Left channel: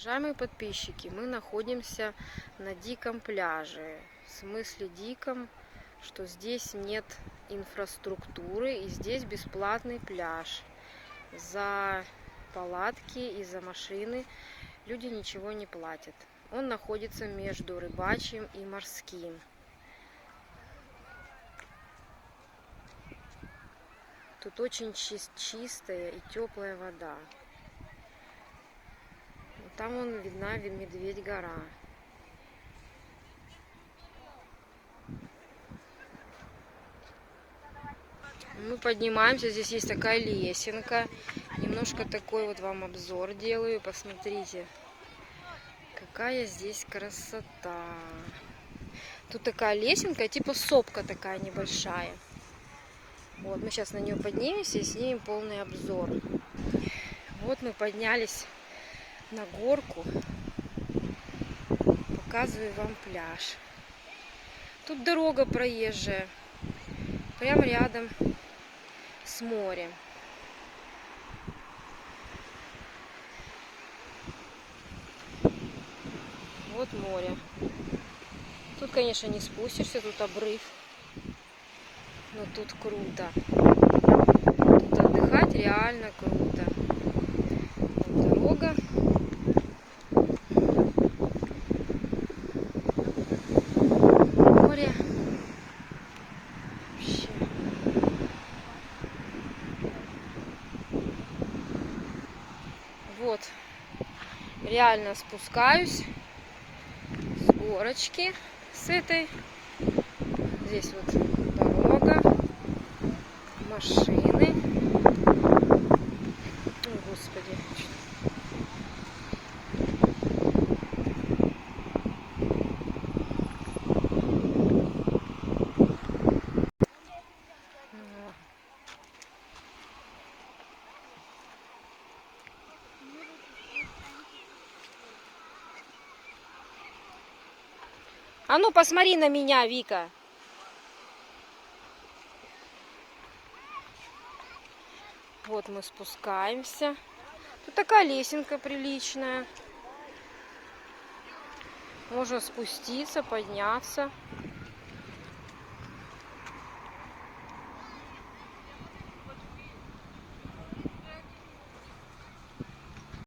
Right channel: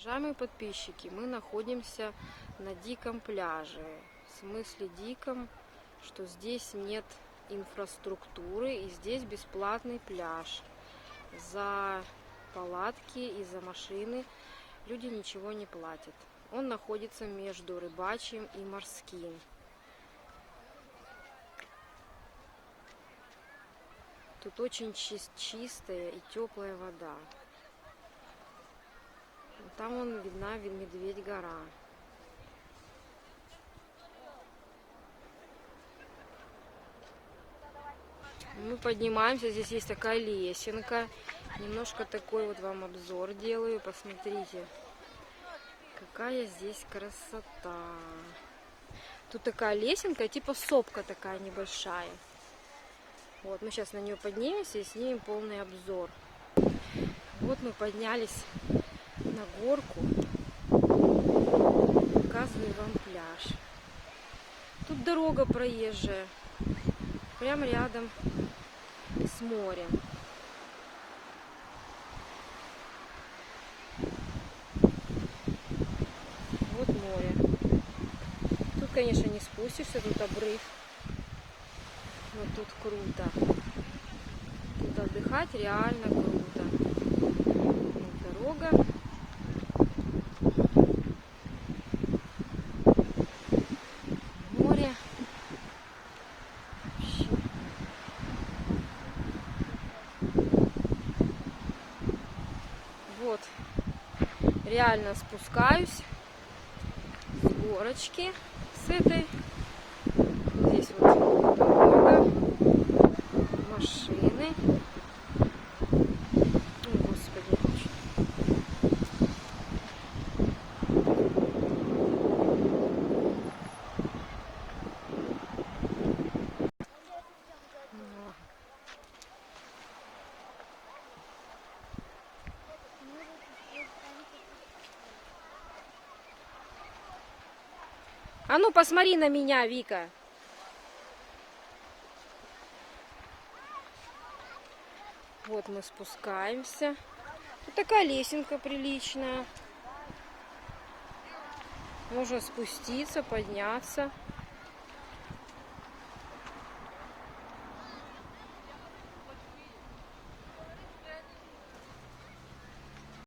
Уважаемые подписчики, мы находимся на диком пляже. В смысле диком, что здесь нет инфраструктуры и здесь бесплатный пляж. За палатки и за машины люди ничего не платят. Он находится между Рыбачьим и Морским. Тут очень чистая и теплая вода. Там вон видна Медведь-гора. Мы поднимаемся, здесь есть такая лесенка. Немножко такой вот вам обзор делаю. Посмотрите, какая здесь красота. Тут такая лесенка, типа сопка такая небольшая. Вот, мы сейчас на нее поднимемся и снимем полный обзор. Вот мы поднялись на горку. Показываю вам пляж. Тут дорога проезжая. Прямо рядом с морем. Вот море. Тут, конечно, не спустишься, тут обрыв. Но тут круто. Тут отдыхать реально круто. Вот дорога. Море. Вообще. Вот. Реально спускаюсь с горочки, с этой. Здесь вот дорога, машины. О, Господи. А ну посмотри на меня, Вика. Вот мы спускаемся. Тут такая лесенка приличная. Можно спуститься, подняться.